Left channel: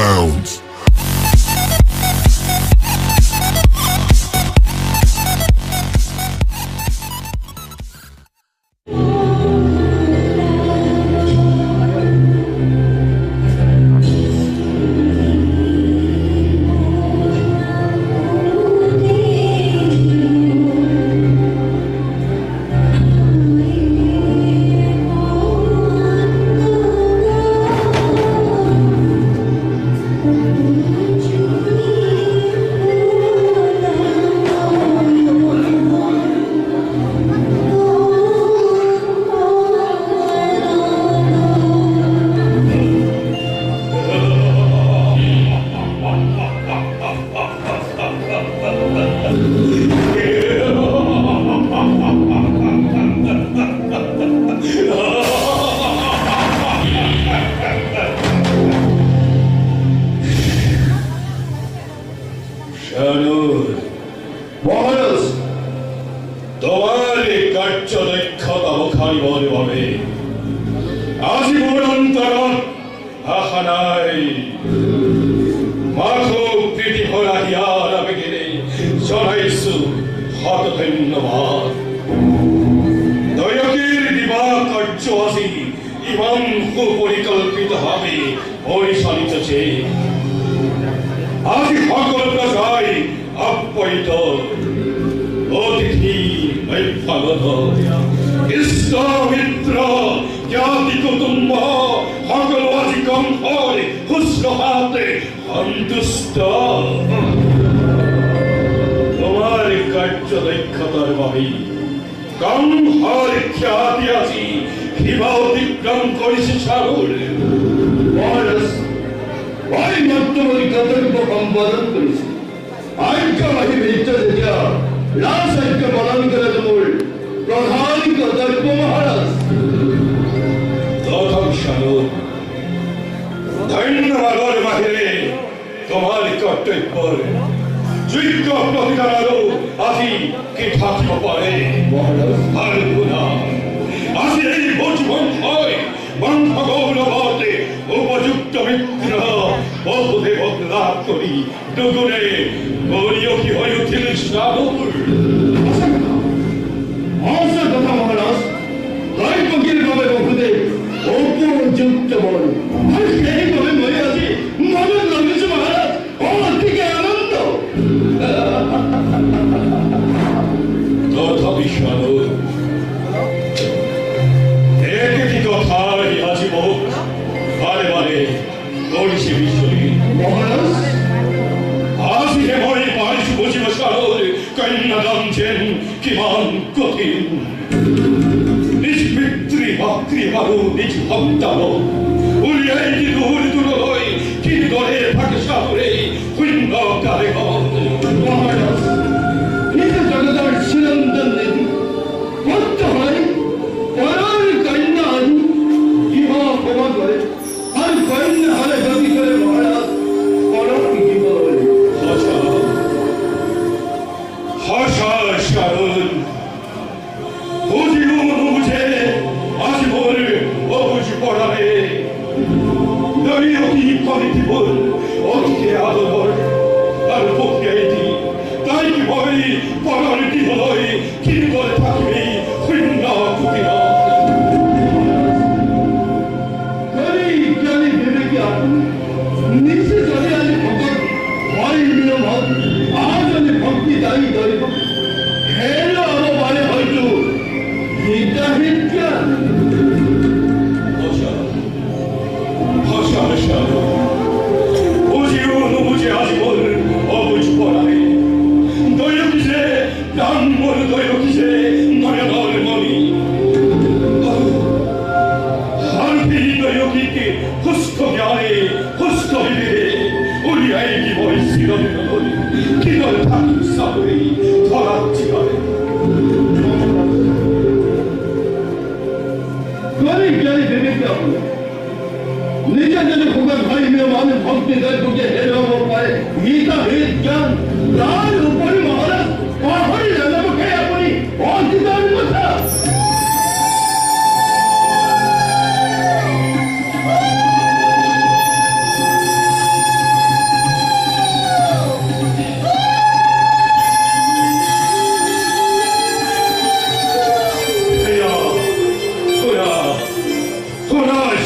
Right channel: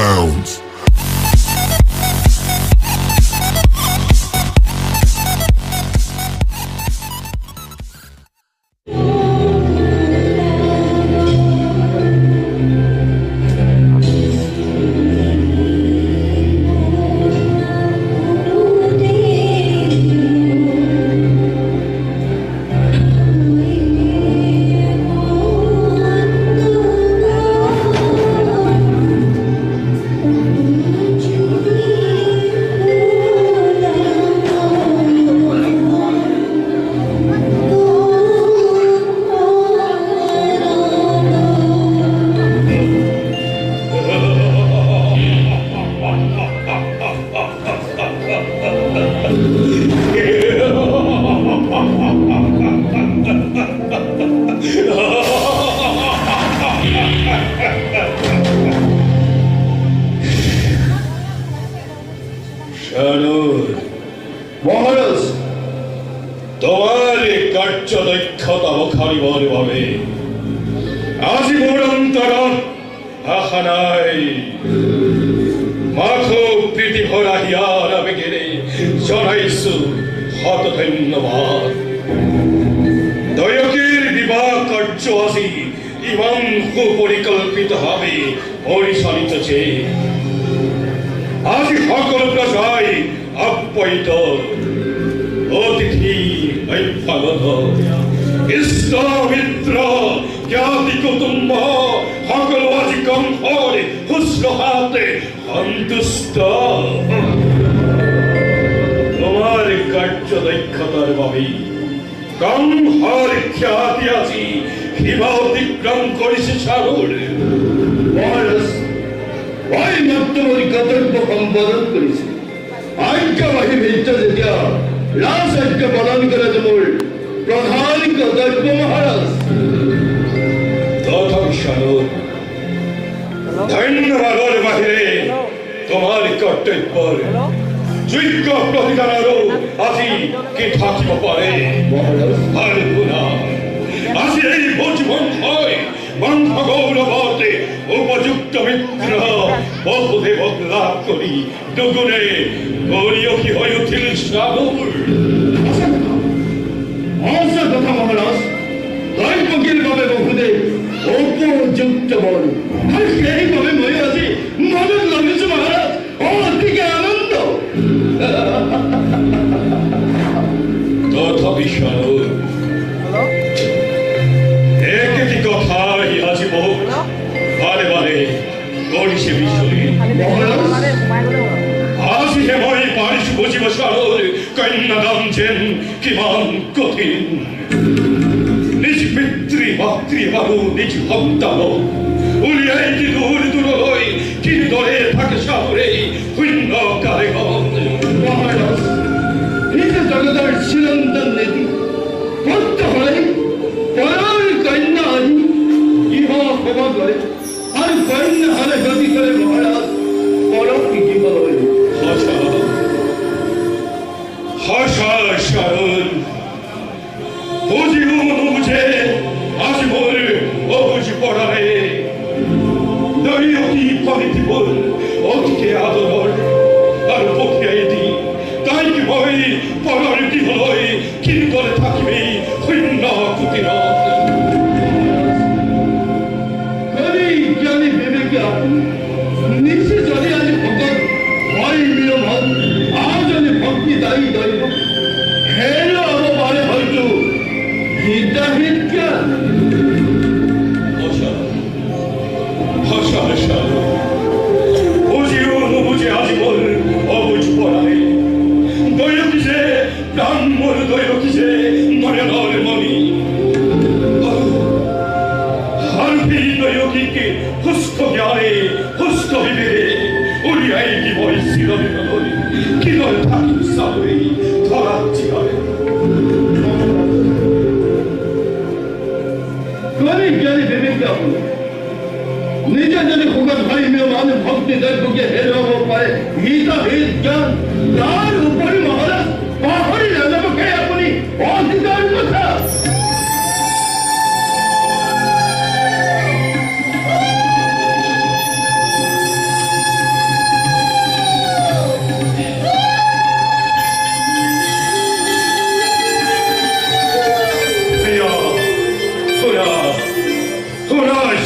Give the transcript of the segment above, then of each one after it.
bounds. মহারাজ, তোমার কার্য দক্ষতা মুখারিবর ভাবে আজীবন অন্তরণ আশা নাই। মাথো প্রীতি ভরা হিয়ার আবেগেরে জনাইছো শত ধন্যবাদ। দয়কের দিবা কার্য আজি ইমান সুপরিকল্পিত ভাবে পরিচালিত যে আজি সকল প্রজায় আপ্যায়িত অতিথি বৈফলত ইষ্ট মিত্র জ্ঞাতি কুটুম্ব সকল আজি কণ্ঠৰে শুশ্ৰূষাতে সন্তুষ্ট। তোমাৰ কাৰ্য দক্ষতাৰ বাবে কণ্ঠৰ খ্যাতি আজি সীমা অতিক্ৰম কৰিছে চাৰুৰ। মহারাজ, মই মন্তমৰি কৰ্তব্য সম্পাদন কৰিছে। আজ্ঞাবাহী ভিত্ত যেতিয়া ৰাজ আজ্ঞা পালন কৰাটো মোৰ প্ৰধান কৰ্তব্য মহাৰাজ। ধন্যবাদৰ বাহিৰে তোমাৰ কৰ্তব্যৰ যোগ্য প্ৰতিদান আৰু আজি কি থাকিব পাৰে আৰু শুনা, আজি এই ভোজবন্ধই বন্ধ গৌৰৱতে উপযুক্ত মিত্ৰ বহুদেৱক লাভ কৰি দুগুণে গৰিয়সী হৈ উঠিল চাৰুৰ। সঁচা কথা মহাৰাজ, দৈৱকীৰ বাবে বহুদেৱ উপযুক্ত বল আৰু সেইবাবে মই আজি মনত লগাইছো মহাৰাজ, অতিকে আনন্দ। তথাপি চাৰুৰ একেটি কথাই আজি মোক বাৰে বাৰে কৰিছে বিচৰি। মহাৰাজ, আজিহে মই পাৰিছো বুজিব চাৰুৰ কন্যাদান যেন কিমান কঠিন। নিজ পিতৃ মাতৃ আৰু নিজ সন্তানক উলিয়াই দি দূৰ দূৰলৈ কিদৰে থাকে চাৰুৰে শূন্য কাৰেখন। মহারাজ, নিজে জগতৰ চিৰন্তন নীতি সত্য হয় পৰৰ কন্যা আনি ইহ ক্ষমা কৰে আৰু কন্যা হলে গতি কৰে মহাৰাজ পৰক শিকিবলৈ। সঁচা সঁচা চাৰুৰ বুজিও নুবুজে আজি মোৰ অবুজি পৰাৰে দৈয়কী পলিটিবোৰ অতিকে আদৰৰ আৰু পঠিয়াই দি তাইক মই পৰৰ দিবলৈ কিদৰে থাকিবি শূন্য কুটিৰত। কবি জ্ঞানী বিবেকী আপুনি নিজে যদি আজি ভকত হয় নিয়মত আজনে ভক্তি দায়ী দৈব হেলো হ'ব পাৰে হয়তো হিতাহিত জ্ঞান। ভাষা বুঝিও নুবুঝে আজি মোর অবুঝ পড়াই দৈয়কী যে প্রাণ মোর দৈয়কী যে মনে নর মনি হারপি দৈয়কীকে হুস্ক জ্ঞানে হুস্ক বিবেকে উলিয়াই কি বই চিরদিন ধরি কি দরে থাকি সাবরে ধরাচ্ছি হয়। কবি জ্ঞানী বিবেকী আপুনি নিজে যদি ভগত ভাই মানে ভক্তি দৈবকে হেৰুৱাব পাৰে হিতাহিত জ্ঞান, তাৰ উপৰি মহাৰাজ পাহৰি নাযাবকে আপুনি অধিকাৰ কথা।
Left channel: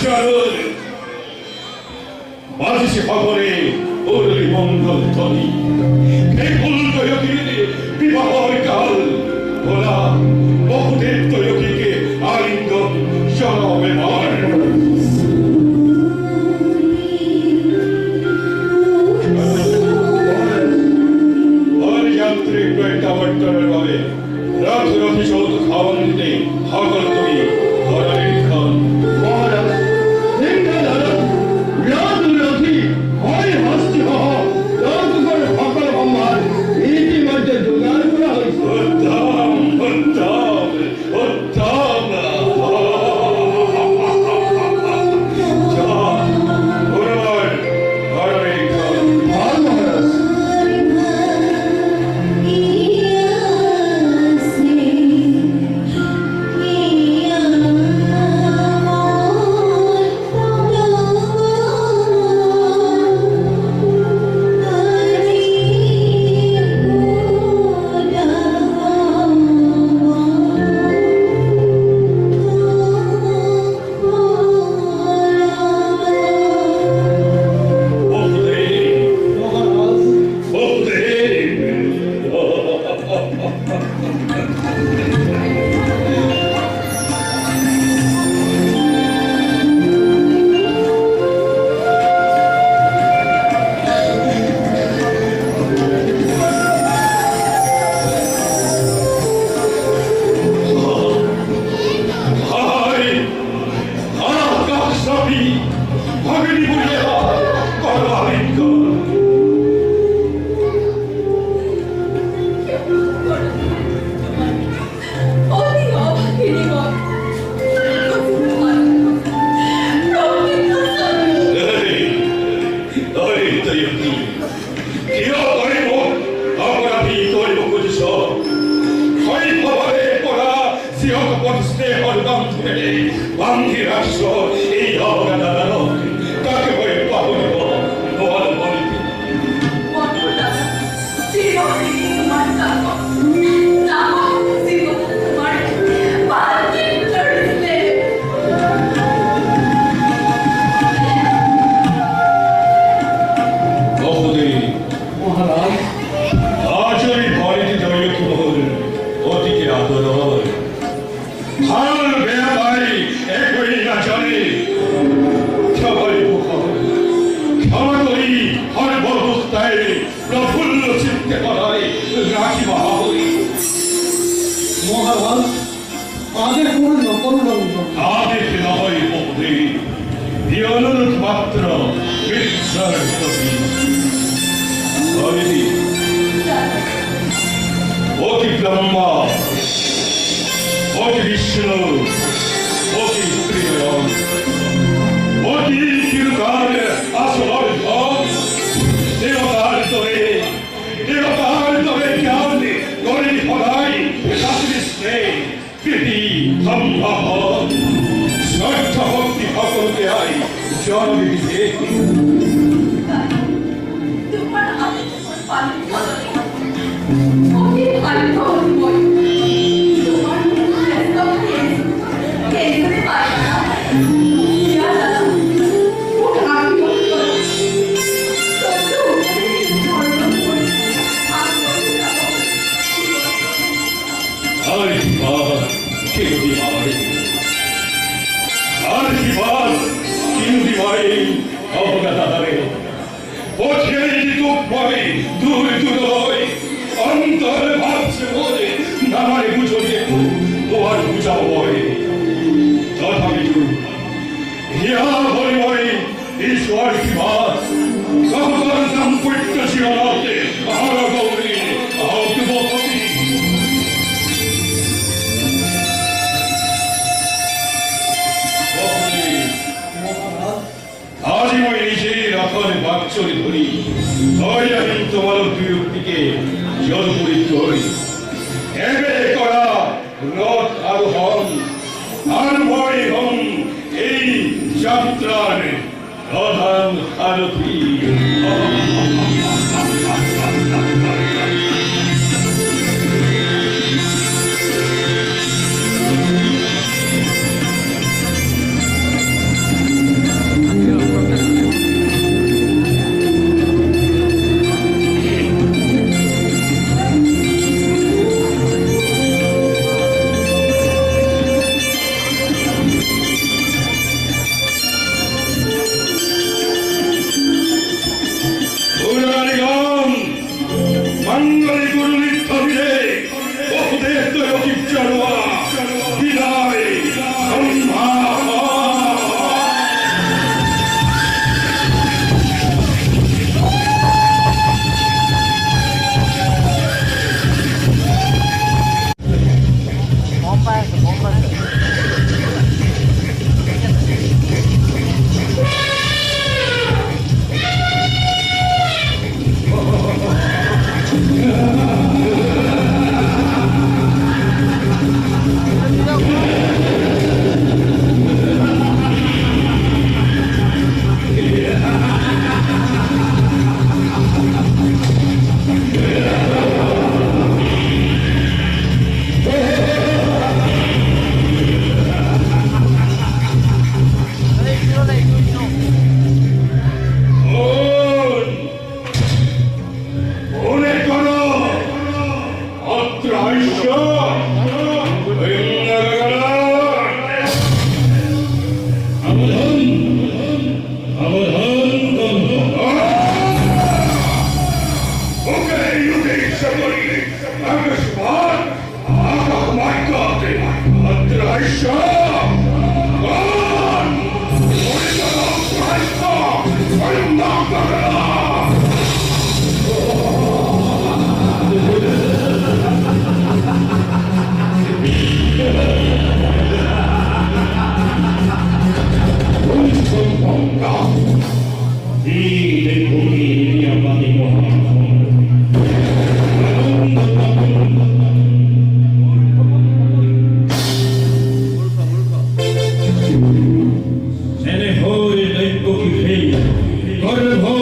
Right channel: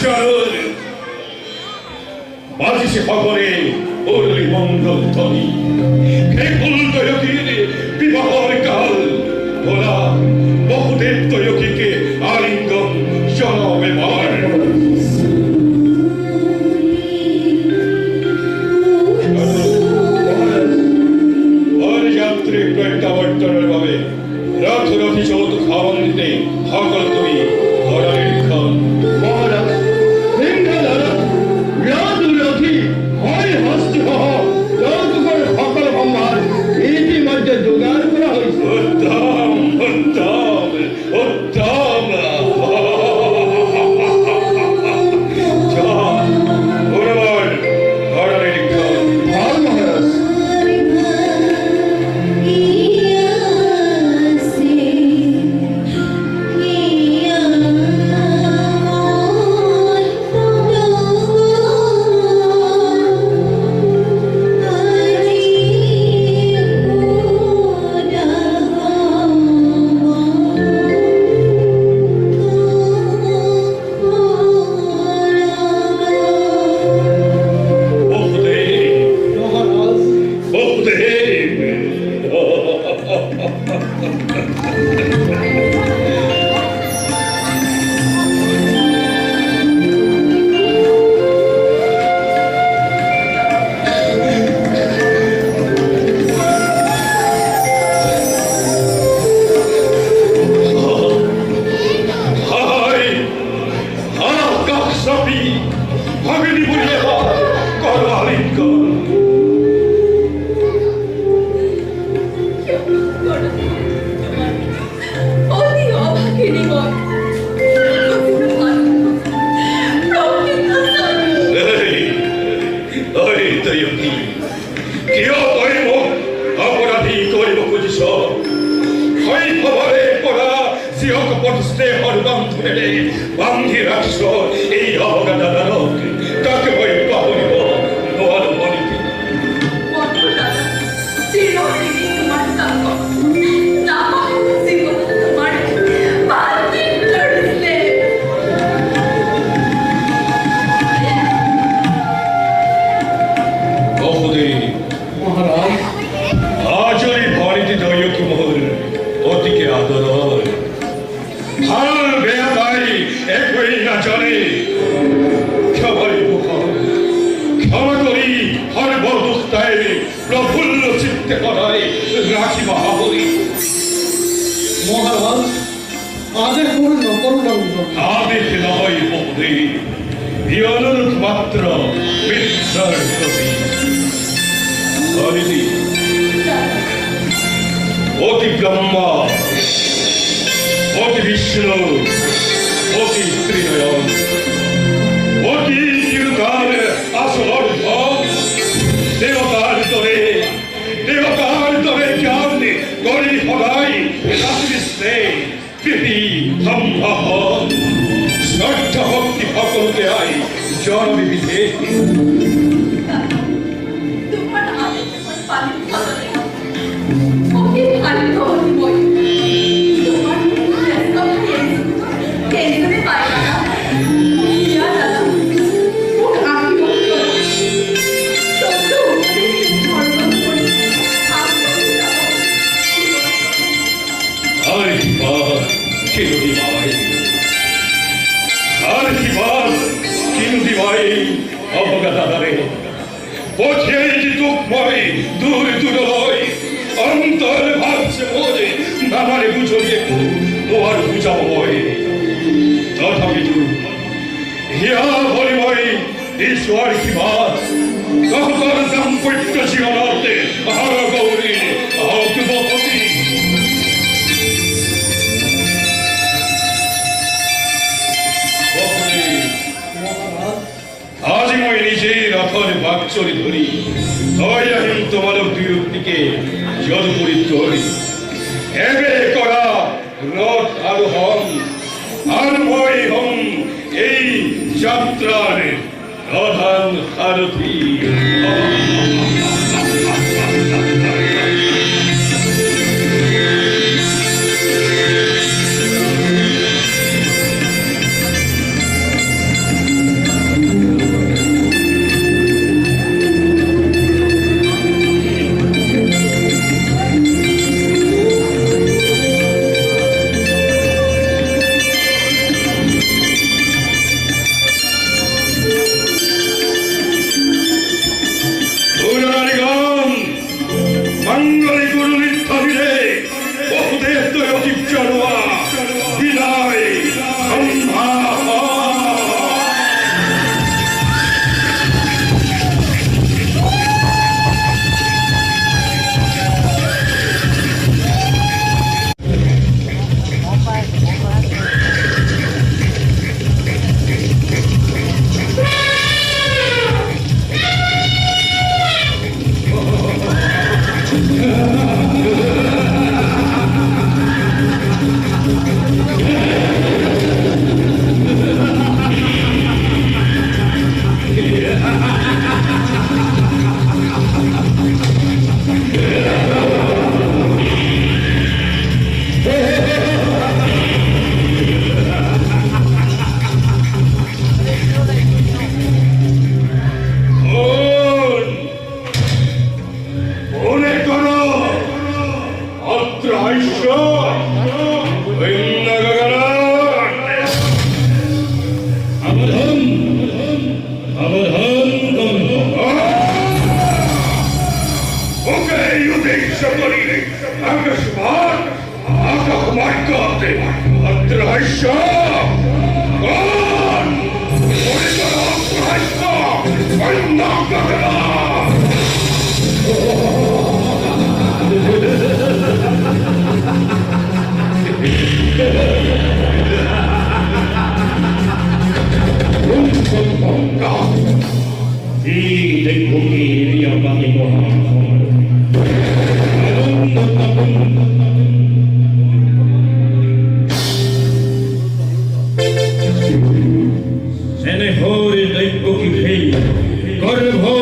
শরণ বাজিছে খবরে ওরলি মঙ্গল ধ্বনি হে ফুল তৈয়কির বিবাহর কাল ওরা বহুদেব তৈয়কিকে আলিঙ্গন জনমে মার যাত্রী প্রত্যাবর্তনের ভাবে রথ রথি চৌধ খাওয়ান দিতে সকল তুমি ধরারের খান মহারাজ সিংহধর রাজরথী হয় হস্তি হহ যৌতুকের সকল সম্ভার ইতিমধ্যে জোগাড় করা হয়েছে। উত্তম উত্তম উত্তম যা পুনর ধরারের খান ভাল মহারাজ। বান্ধি রাষ্ট্র এই অবগাদা দানক কাকে বই পাবনিব বল বলিবি মহারাজ আজই ভরিতে দৈয়কি মহল অতিকে আদর ভাল বেয়া ভাই একই না জানে সবাই ক্ষমা করি হর বরদুস্তায় প্রফুল্ল চিত্তে করায় রাখি মহাবলী মহারাজ আদেশ করে নকরুণ আদেশ নয় বহুদে অনুরোধ মাত্র মিত্রার প্রতি হরিদি অতি ব্রহ্মা অতি বিষ্ণু অতি ত্রিনয়ন অতি চিরকাল আসর ধন দেবতার তরে জ্ঞান গরি ফলাই রাত্রি স্নেহ প্রীতি সম্ভাব শ্রদ্ধা ভক্তি সকলকে আই জন্ম বিধে তোমার আদেশ পালন করতে ওকে পালন করবই তোমার চেষ্টা কেন্দ্রে পাই না ইয়া দাদা ওকে আমি করতে সত্য ধর্ম করে আর কি বাদ কিনুদি ভাই আর কি বাদ কিনুদি ভাই অবগতা দাঁড়ে পথে দুঃখ পাবে দূর দূর হয় অন্তর ভাবছে বলে নামারে বুঝিয়ে তোমার বুঝাবো হয় তথাপি হিয়া বলে বলে ঈশ্বর কি বাদ কহতর দাম্পত্য জীবনাতে আহার গৌরী আহত বপতি আজি মই নিজেই রথর বাকচরি ধরি ধৈর্যহীন তোমার বিরক্তিকে যদুপুরী ধরি এবে করা রথ আরোহণ আর ভয় হম এই যাত্রার প্রধান সারথী 있어! 우리가 없어! 얼마 가라! 공성공가 이 대국이 야망이 뭐하나 Sene hori dai pochi fei, corre